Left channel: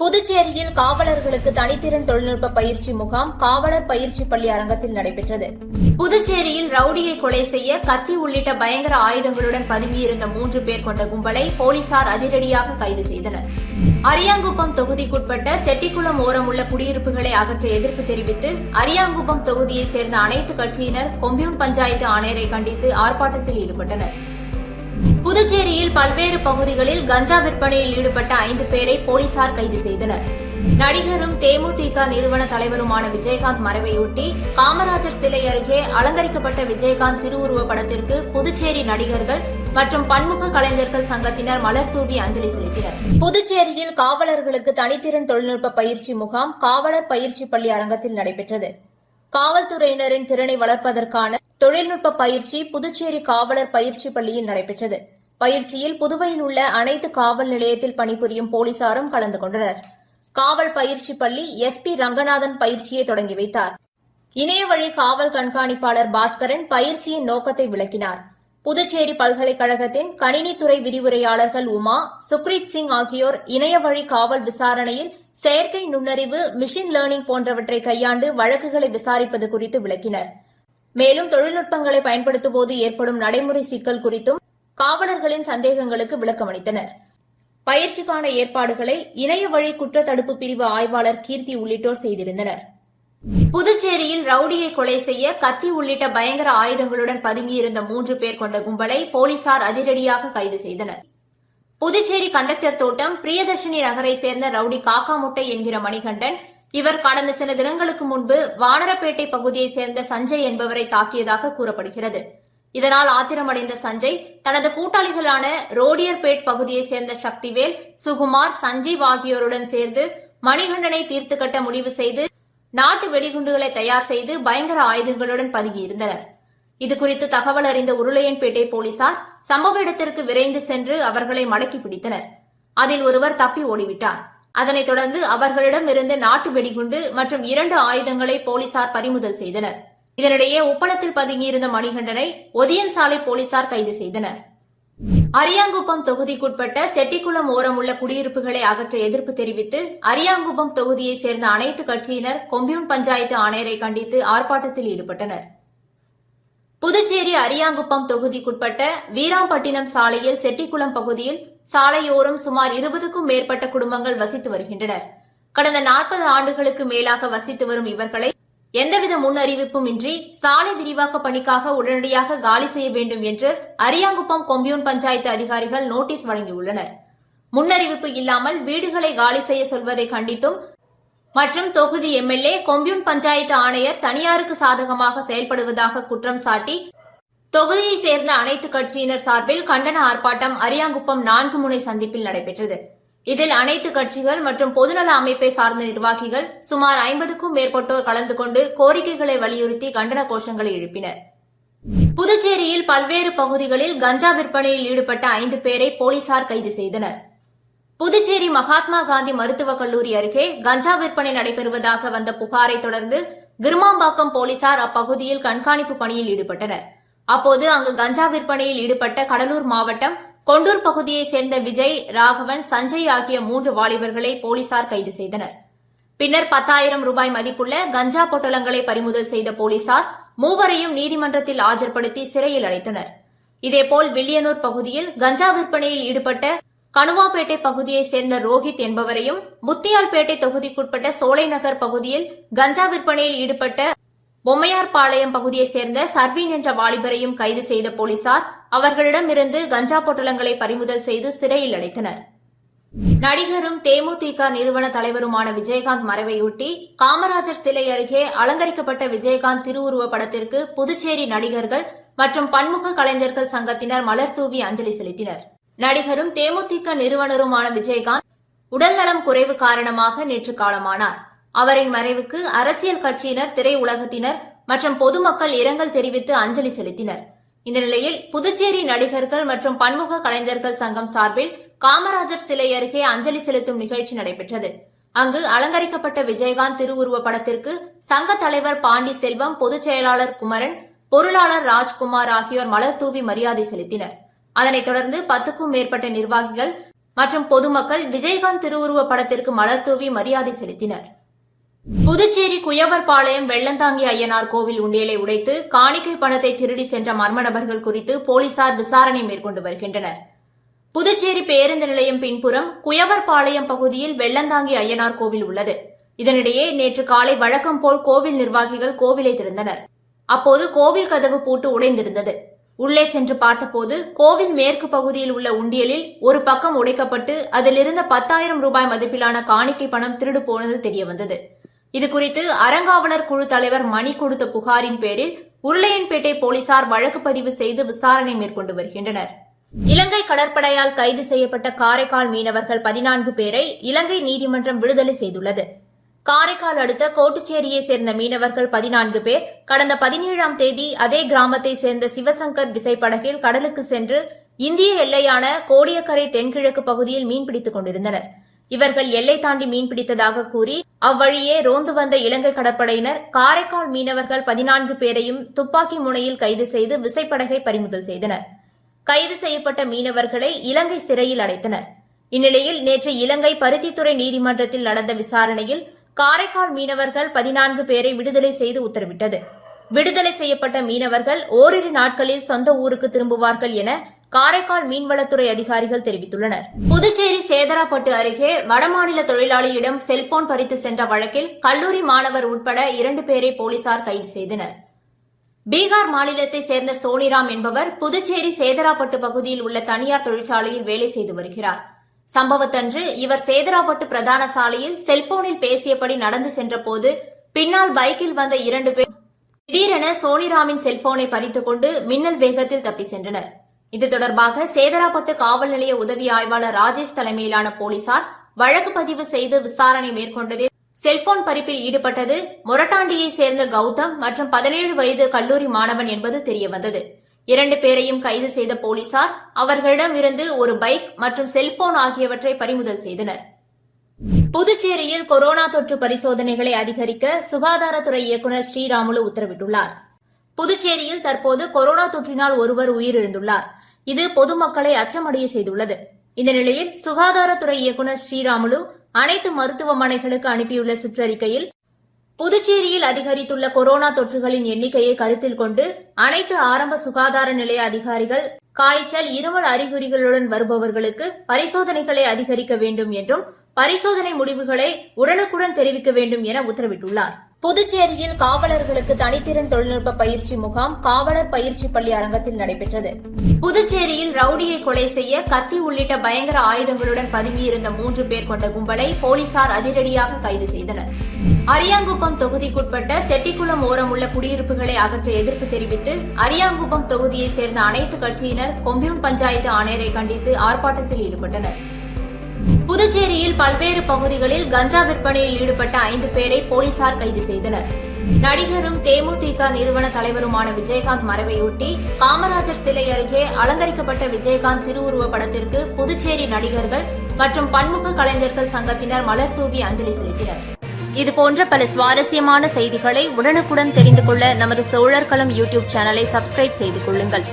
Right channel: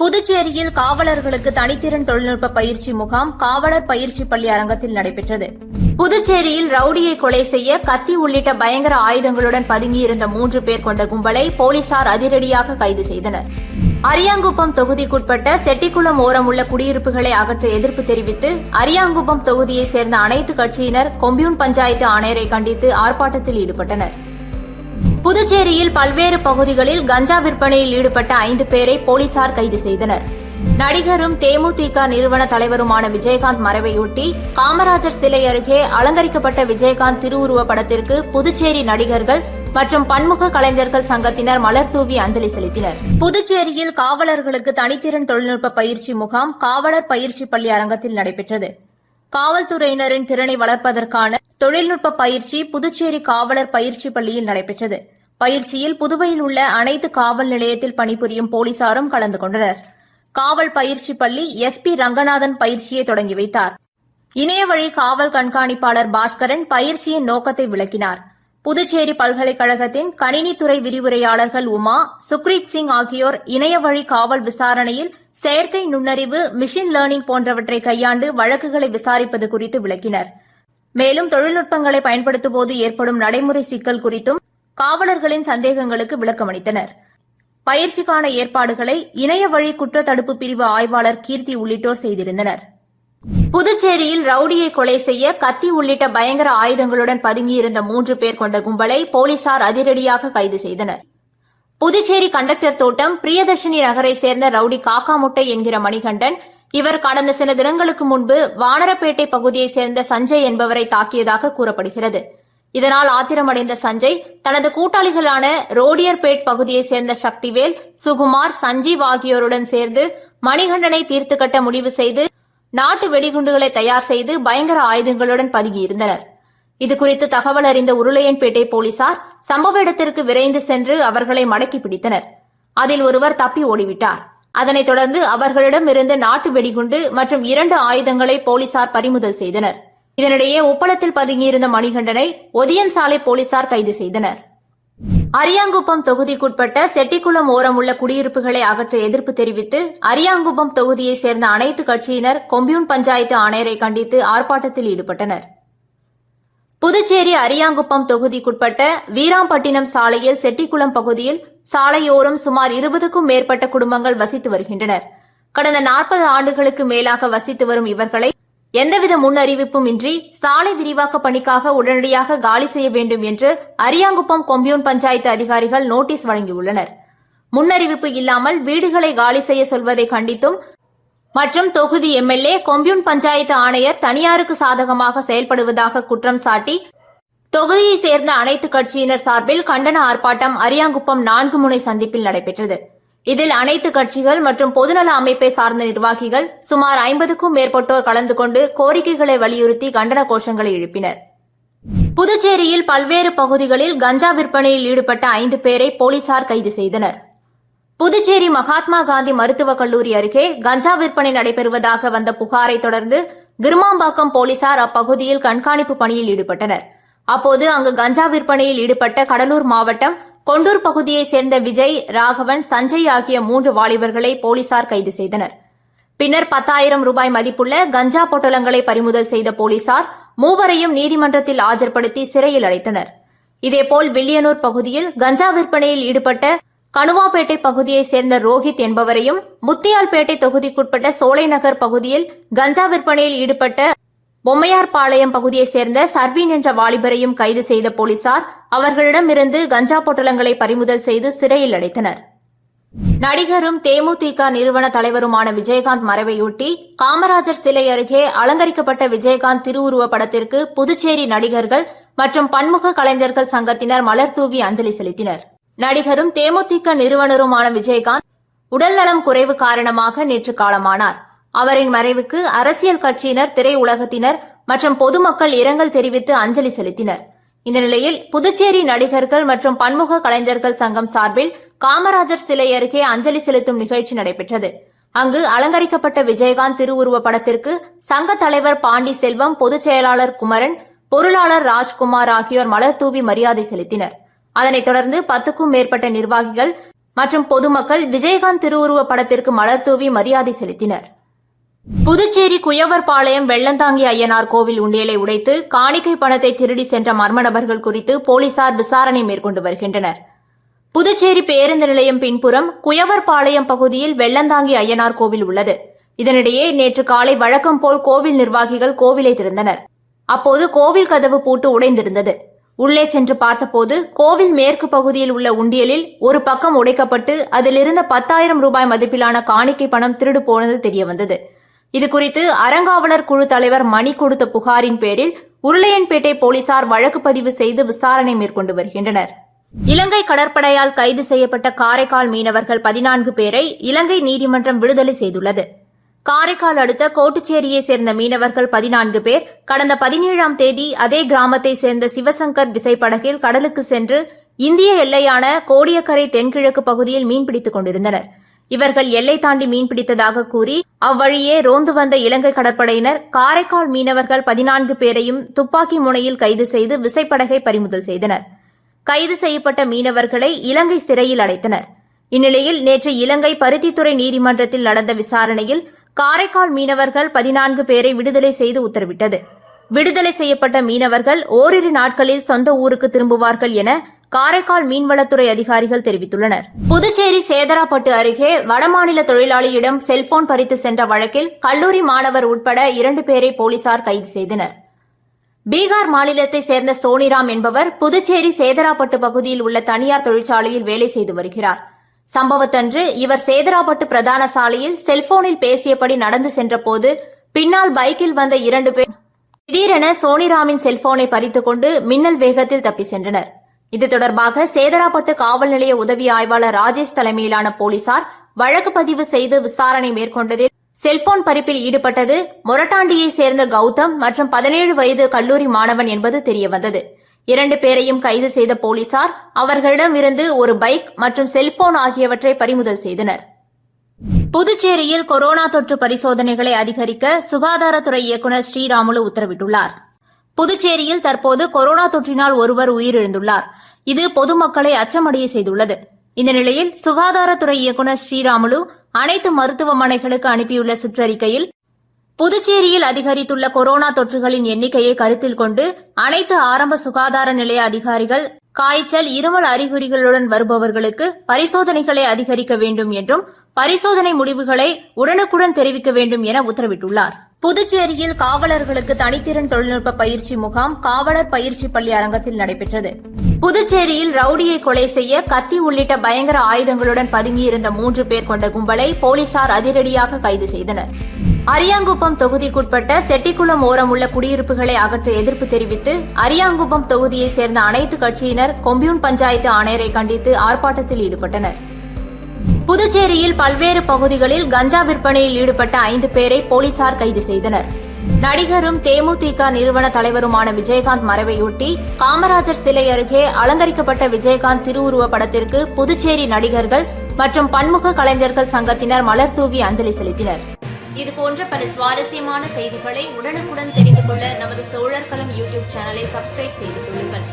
புதுச்சேரியில் காவலர்களுக்கு தனித்திறன் தொழில்நுட்ப பயிற்சி முகாம் காவலர் பயிற்சி பள்ளி அரங்கத்தில் நடைபெற்றது. புதுச்சேரியில் ரவுடியை கொலை செய்ய கத்தி உள்ளிட்ட பயங்கர ஆயுதங்களுடன் பதுங்கியிருந்த 3 பேர் கொண்ட கும்பலை போலீசார் அதிரடியாக கைது செய்தனர். அரியாங்குப்பம் தொகுதிக்குட்பட்ட செட்டிக்குளம் ஓரம் உள்ள குடியிருப்புகளை அகற்ற எதிர்ப்பு தெரிவித்து அரியாங்குப்பம் தொகுதியைச் சேர்ந்த அனைத்து கட்சியினர் கொம்யூன் பஞ்சாயத்து ஆணையரை கண்டித்து ஆர்ப்பாட்டத்தில் ஈடுபட்டனர். புதுச்சேரியில் பல்வேறு பகுதிகளில் கஞ்சா விற்பனையில் ஈடுபட்ட 5 பேரை போலீசார் கைது செய்தனர். நடிகரும் தேமுதிக நிறுவன தலைவருமான விஜயகாந்த் மறைவையொட்டி காமராஜர் சிலை அருகே அலங்கரிக்கப்பட்ட விஜயகாந்த் திருவுருவ படத்திற்கு புதுச்சேரி நடிகர்கள் மற்றும் பன்முக கலைஞர்கள் சங்கத்தினர் மலர் தூவி அஞ்சலி செலுத்தினர். புதுச்சேரியில் காவலர்களுக்கு தனித்திறன் தொழில்நுட்ப பயிற்சி முகாம் காவலர் பயிற்சி பள்ளி அரங்கத்தில் நடைபெற்றது. காவல்துறையினரின் திறனை வளர்ப்பதற்கான தொழில்நுட்ப பயிற்சி புதுச்சேரி காவலர் பயிற்சி பள்ளியில் நடைபெற்றது. பயிற்சியில் புதுவையில் உள்ள அனைத்து காவல் நிலையத்தில் பணிபுரியும் போலீசாரும் கலந்து கொண்டனர். காவல் பயிற்சி பள்ளி SP ரங்கநாதன் பயிற்சியை தொடங்கி வைத்தார். இணையவழி காவல் கண்காணிப்பாளர் பாஸ்கரன் பயிற்சியின் நோக்கத்தை விளக்கினார். புதுச்சேரி பல்கலைக்கழகத்தின் கணினித்துறை விரிவுரையாளர்கள் உமா, சுக்ரீத் சிங் ஆகியோர் இணையவழி காவல் விசாரணையில் செயற்கை நுண்ணறிவு, மிஷின் லேர்னிங் போன்றவற்றை கையாண்டு வழக்குகளை விசாரிப்பது குறித்து விளக்கினர். மேலும் தொழில்நுட்பங்களை பயன்படுத்தும்போது ஏற்படும் நடைமுறை சிக்கல் குறித்தும் காவலர்களின் சந்தேகங்களுக்கு விளக்கமளித்தனர். பயிற்சிக்கான ஏற்பாடுகளை இணையவழி குற்றத்தடுப்பு பிரிவு ஆய்வாளர் கீர்த்தி உள்ளிட்டோர் செய்திருந்தனர். புதுச்சேரியில் ரவுடியை கொலை செய்ய கத்தி உள்ளிட்ட பயங்கர ஆயுதங்களுடன் பதுங்கியிருந்த 3 பேர் கொண்ட கும்பலை போலீசார் அதிரடியாக கைது செய்தனர். புதுச்சேரி கண்டக்டர் தோட்டம் பிரியதர்ஷினி நகரை சேர்ந்த ரவுடி காக்காமுட்டை என்கிற மணிகண்டன், இவர் கடந்த சில தினங்களுக்கு முன்பு வானரப்பேட்டை பகுதியைச் சேர்ந்த சஞ்சய் என்பவரை தாக்கியதாக கூறப்படுகிறது. இதனால் ஆத்திரமடைந்த சஞ்சய் தனது கூட்டாளிகளான ரோடியர்பேட் பகுதியைச் சேர்ந்த சக்திவேல், சுகுமார், சஞ்சீவ் ஆகியோருடன் சேர்ந்து மணிகண்டனை தீர்த்து கட்ட முடிவு செய்து நாட்டு வெடிகுண்டுகளை தயார் செய்து பயங்கர ஆயுதங்களுடன் பதுங்கியிருந்தனர். இதுகுறித்து தகவல் அறிந்த உருளையன்பேட்டை போலீசார் சம்பவ இடத்திற்கு விரைந்து சென்று அவர்களை மடக்கி பிடித்தனர். அதில் ஒருவர் தப்பி ஓடிவிட்டார். அதனைத் தொடர்ந்து அவர்களிடமிருந்து நாட்டு வெடிகுண்டு மற்றும் 2 ஆயுதங்களை போலீசார் பறிமுதல் செய்தனர். இதனிடையே உப்பளத்தில் பதுங்கியிருந்த மணிகண்டனை ஒதியன் சாலை போலீசார் கைது செய்தனர். அரியாங்குப்பம் தொகுதிக்குட்பட்ட செட்டிக்குளம் ஓரம் உள்ள குடியிருப்புகளை அகற்ற எதிர்ப்பு தெரிவித்து அரியாங்குப்பம் தொகுதியைச் சேர்ந்த அனைத்து கட்சியினர் கொம்யூன் பஞ்சாயத்து ஆணையரை கண்டித்து ஆர்ப்பாட்டத்தில் ஈடுபட்டனர். புதுச்சேரி அரியாங்குப்பம் தொகுதிக்குட்பட்ட வீராம்பட்டினம் சாலையில் செட்டிக்குளம் பகுதியில் சாலையோரம் சுமார் 20க்கும் மேற்பட்ட குடும்பங்கள் வசித்து வருகின்றனர். கடந்த 40 ஆண்டுகளுக்கு மேலாக வசித்து வரும் இவர்களை எந்தவித முன் அறிவிப்பும் இன்றி சாலை விரிவாக்க பணிக்காக உடனடியாக காலி செய்ய வேண்டும் என்று அரியாங்குப்பம் கொம்யூன் பஞ்சாயத்து அதிகாரிகள் நோட்டீஸ் வழங்கியுள்ளனர். முன்னறிவிப்பு இல்லாமல் வீடுகளை காலி செய்ய சொல்வதை கண்டித்தும் மற்றும் தொகுதி MLA, கொம்யூன் பஞ்சாயத்து ஆணையர் தனியாருக்கு சாதகமாக செயல்படுவதாக குற்றம் சாட்டி தொகுதியைச் சேர்ந்த அனைத்து கட்சியினர் சார்பில் கண்டன ஆர்ப்பாட்டம் அரியாங்குப்பம் 4 முனை சந்திப்பில் நடைபெற்றது. இதில் அனைத்து கட்சிகள் மற்றும் பொதுநல அமைப்பை சார்ந்த நிர்வாகிகள் சுமார் 50க்கும் மேற்பட்டோர் கலந்து கொண்டு கோரிக்கைகளை வலியுறுத்தி கண்டன கோஷங்களை எழுப்பினர். புதுச்சேரியில் பல்வேறு பகுதிகளில் கஞ்சா விற்பனையில் ஈடுபட்ட 5 பேரை போலீசார் கைது செய்தனர். புதுச்சேரி மகாத்மா காந்தி மருத்துவக் கல்லூரி அருகே கஞ்சா விற்பனை நடைபெறுவதாக வந்த புகாரை தொடர்ந்து கிருமாம்பாக்கம் போலீசார் அப்பகுதியில் கண்காணிப்பு பணியில் ஈடுபட்டனர். அப்போது அங்கு கஞ்சா விற்பனையில் ஈடுபட்ட கடலூர் மாவட்டம் கொண்டூர் பகுதியைச் சேர்ந்த விஜய், ராகவன், சஞ்சய் ஆகிய 3 வாலிபர்களை போலீசார் கைது செய்தனர். பின்னர் 10,000 ரூபாய் மதிப்புள்ள கஞ்சா பொட்டலங்களை பறிமுதல் செய்த போலீசார் மூவரையும் நீதிமன்றத்தில் ஆஜர்படுத்தி சிறையில் அடைத்தனர். இதேபோல் வில்லியனூர் பகுதியில் கஞ்சா விற்பனையில் ஈடுபட்ட கணுவாப்பேட்டை பகுதியைச் சேர்ந்த ரோஹித் என்பவரையும், முத்தியால்பேட்டை தொகுதிக்குட்பட்ட சோலைநகர் பகுதியில் கஞ்சா விற்பனையில் ஈடுபட்ட பொம்மையார்பாளையம் பகுதியைச் சேர்ந்த சர்வீன் என்ற வாலிபரையும் கைது செய்த போலீசார் அவர்களிடமிருந்து கஞ்சா பொட்டலங்களை பறிமுதல் செய்து சிறையில் அடைத்தனர். நடிகரும் தேமுதிக நிறுவன தலைவருமான விஜயகாந்த் மறைவையொட்டி காமராஜர் சிலை அருகே அலங்கரிக்கப்பட்ட விஜயகாந்த் திருவுருவ படத்திற்கு புதுச்சேரி நடிகர்கள் மற்றும் பன்முக கலைஞர்கள் சங்கத்தினர் மலர் தூவி அஞ்சலி செலுத்தினர். நடிகரும் தேமுதிக நிறுவனருமான விஜயகாந்த் உடல்நலம் குறைவு காரணமாக நேற்று காலமானார். அவரின் மறைவுக்கு அரசியல் கட்சியினர், திரையுலகத்தினர் மற்றும் பொதுமக்கள் இரங்கல் தெரிவித்து அஞ்சலி செலுத்தினர். இந்த நிலையில் புதுச்சேரி நடிகர்கள் மற்றும் பன்முக கலைஞர்கள் சங்கம் சார்பில் காமராஜர் சிலை அருகே அஞ்சலி செலுத்தும் நிகழ்ச்சி நடைபெற்றது. அங்கு அலங்கரிக்கப்பட்ட விஜயகாந்த் திருவுருவ படத்திற்கு சங்க தலைவர் பாண்டி செல்வம், பொதுச் செயலாளர் குமரன், பொருளாளர் ராஜ்குமார் ஆகியோர் மலர் தூவி மரியாதை செலுத்தினர். அதனைத் தொடர்ந்து 10க்கும் மேற்பட்ட நிர்வாகிகள் மற்றும் பொதுமக்கள் விஜயகாந்த் திருவுருவ படத்திற்கு மலர் தூவி மரியாதை செலுத்தினர். புதுச்சேரி குயவர்பாளையம் வெள்ளந்தாங்கி ஐயனார் கோவில் உண்டியலை உடைத்து காணிக்கை பணத்தை திருடி சென்ற மர்ம நபர்கள் குறித்து போலீசார் விசாரணை மேற்கொண்டு வருகின்றனர். புதுச்சேரி பேருந்து நிலையம் பின்புறம் குயவர்பாளையம் பகுதியில் வெள்ளந்தாங்கி ஐயனார் கோவில் உள்ளது. இதனிடையே நேற்று காலை வழக்கம் போல் கோவில் நிர்வாகிகள் கோவிலை திறந்தனர். அப்போது கோவில் கதவு பூட்டு உடைந்திருந்தது. உள்ளே சென்று பார்த்தபோது கோவில் மேற்கு பகுதியில் உள்ள உண்டியலில் ஒரு பக்கம் உடைக்கப்பட்டு அதிலிருந்த 10,000 ரூபாய் மதிப்பிலான காணிக்கை பணம் திருடு போனது தெரியவந்தது. இதுகுறித்து அறங்காவலர் குழு தலைவர் மணி கொடுத்த புகாரின் பேரில் உருளையன்பேட்டை போலீசார் வழக்கு பதிவு செய்து விசாரணை மேற்கொண்டு வருகின்றனர். இலங்கை கடற்படையால் கைது செய்யப்பட்ட காரைக்கால் மீனவர்கள் 14 பேரை இலங்கை நீதிமன்றம் விடுதலை செய்துள்ளது. காரைக்கால் அடுத்த கோட்டுச்சேரியை சேர்ந்த மீனவர்கள் 14 பேர் கடந்த 17ஆம் தேதி அதே கிராமத்தை சேர்ந்த சிவசங்கர் விசைப்படகில் கடலுக்கு சென்று இந்திய எல்லையான கோடியக்கரை தென்கிழக்கு பகுதியில் மீன்பிடித்துக் கொண்டிருந்தனர். இவர்கள் எல்லை தாண்டி மீன்பிடித்ததாக கூறி அவ்வழியே ரோந்து வந்த இலங்கை கடற்படையினர் காரைக்கால் மீனவர்கள் 14 பேரையும் துப்பாக்கி முனையில் கைது செய்து விசைப்படகை பறிமுதல் செய்தனர். கைது செய்யப்பட்ட மீனவர்களை இலங்கை சிறையில் அடைத்தனர். இந்நிலையில் நேற்று இலங்கை பருத்தித்துறை நீதிமன்றத்தில் நடந்த விசாரணையில் காரைக்கால் மீனவர்கள் 14 பேரை விடுதலை செய்து உத்தரவிட்டது. விடுதலை செய்யப்பட்ட மீனவர்கள் ஓரிரு நாட்களில் சொந்த ஊருக்கு திரும்புவார்கள் என காரைக்கால் மீன்வளத்துறை அதிகாரிகள் தெரிவித்துள்ளனர். புதுச்சேரி சேதராப்பட்டு அருகே வடமாநில தொழிலாளியிடம் செல்போன் பறித்து சென்ற வழக்கில் கல்லூரி மாணவர் உட்பட 2 பேரை போலீசார் கைது செய்தனர். பீகார் மாநிலத்தை சேர்ந்த சோனிராம் என்பவர் புதுச்சேரி சேதராப்பட்டு பகுதியில் உள்ள தனியார் தொழிற்சாலையில் வேலை செய்து வருகிறார். சம்பவத்தன்று இவர் சேதராப்பட்டு பிரதான சாலையில் செல்போனில் பேசியபடி நடந்து சென்றபோது பின்னால் பைக்கில் வந்த 2 பேர் திடீரென சோனிராமின் செல்போனை பறித்துக் கொண்டு மின்னல் வேகத்தில் தப்பி சென்றனர். இது தொடர்பாக சேதராப்பட்டு காவல் நிலைய உதவி ஆய்வாளர் ராஜேஷ் தலைமையிலான போலீசார் வழக்கு பதிவு செய்து விசாரணை மேற்கொண்டதில் செல்போன் பறிப்பில் ஈடுபட்டது மொரட்டாண்டியை சேர்ந்த கௌதம் மற்றும் 17 வயது கல்லூரி மாணவன் என்பது தெரியவந்தது. 2 பேரையும் கைது செய்த போலீசார் அவர்களிடமிருந்து ஒரு பைக் மற்றும் செல்போன் ஆகியவற்றை பறிமுதல் செய்தனர். புதுச்சேரியில் கொரோனா தொற்று பரிசோதனைகளை அதிகரிக்க சுகாதாரத்துறை இயக்குநர் ஸ்ரீராமுலு உத்தரவிட்டுள்ளார். புதுச்சேரியில் தற்போது கொரோனா தொற்றினால் ஒருவர் உயிரிழந்துள்ளார். இது பொதுமக்களை அச்சமடைய செய்துள்ளது. இந்த நிலையில் சுகாதாரத்துறை இயக்குநர் ஸ்ரீராமுலு அனைத்து மருத்துவமனைகளுக்கு அனுப்பியுள்ள சுற்றறிக்கையில் புதுச்சேரியில் அதிகரித்துள்ள கொரோனா தொற்றுகளின் எண்ணிக்கையை கருத்தில் கொண்டு அனைத்து ஆரம்ப சுகாதார நிலைய அதிகாரிகள் காய்ச்சல், இருமல் அறிகுறிகளுடன் வருபவர்களுக்கு பரிசோதனைகளை அதிகரிக்க வேண்டும் என்றும் பரிசோதனை முடிவுகளை உடனுக்குடன் தெரிவிக்க வேண்டும் என உத்தரவிட்டுள்ளார். புதுச்சேரியில் காவலர்களுக்கு தனித்திறன் தொழில்நுட்ப பயிற்சி முகாம் காவலர் பயிற்சி பள்ளி அரங்கத்தில் நடைபெற்றது. புதுச்சேரியில் ரவுடியை கொலை செய்ய கத்தி உள்ளிட்ட பயங்கர ஆயுதங்களுடன் பதுங்கியிருந்த 3 பேர் கொண்ட கும்பலை போலீசார் அதிரடியாக கைது செய்தனர். அரியாங்குப்பம் தொகுதிக்குட்பட்ட செட்டிக்குளம் ஓரம் உள்ள குடியிருப்புகளை அகற்ற எதிர்ப்பு தெரிவித்து அரியாங்குப்பம் தொகுதியை சேர்ந்த அனைத்து கட்சியினர் கொம்யூன் பஞ்சாயத்து ஆணையரை கண்டித்து ஆர்ப்பாட்டத்தில் ஈடுபட்டனர். புதுச்சேரியில் பல்வேறு பகுதிகளில் கஞ்சா விற்பனையில் ஈடுபட்ட 5 பேரை போலீசார் கைது செய்தனர். நடிகரும் தேமுதிக நிறுவன தலைவருமான விஜயகாந்த் மறைவையொட்டி காமராஜர் சிலை அருகே அலங்கரிக்கப்பட்ட விஜயகாந்த் திருவுருவ படத்திற்கு புதுச்சேரி நடிகர்கள் மற்றும் பன்முக கலைஞர்கள் சங்கத்தினர் மலர் தூவி அஞ்சலி செலுத்தினர். இதுபோன்ற பல சுவாரஸ்யமான செய்திகளை உடனுக்குடன் தெரிந்து கொள்ள நமது சோழர்களம் யூடியூப் சேனலை சப்ஸ்கிரைப் செய்து கொள்ளுங்கள்.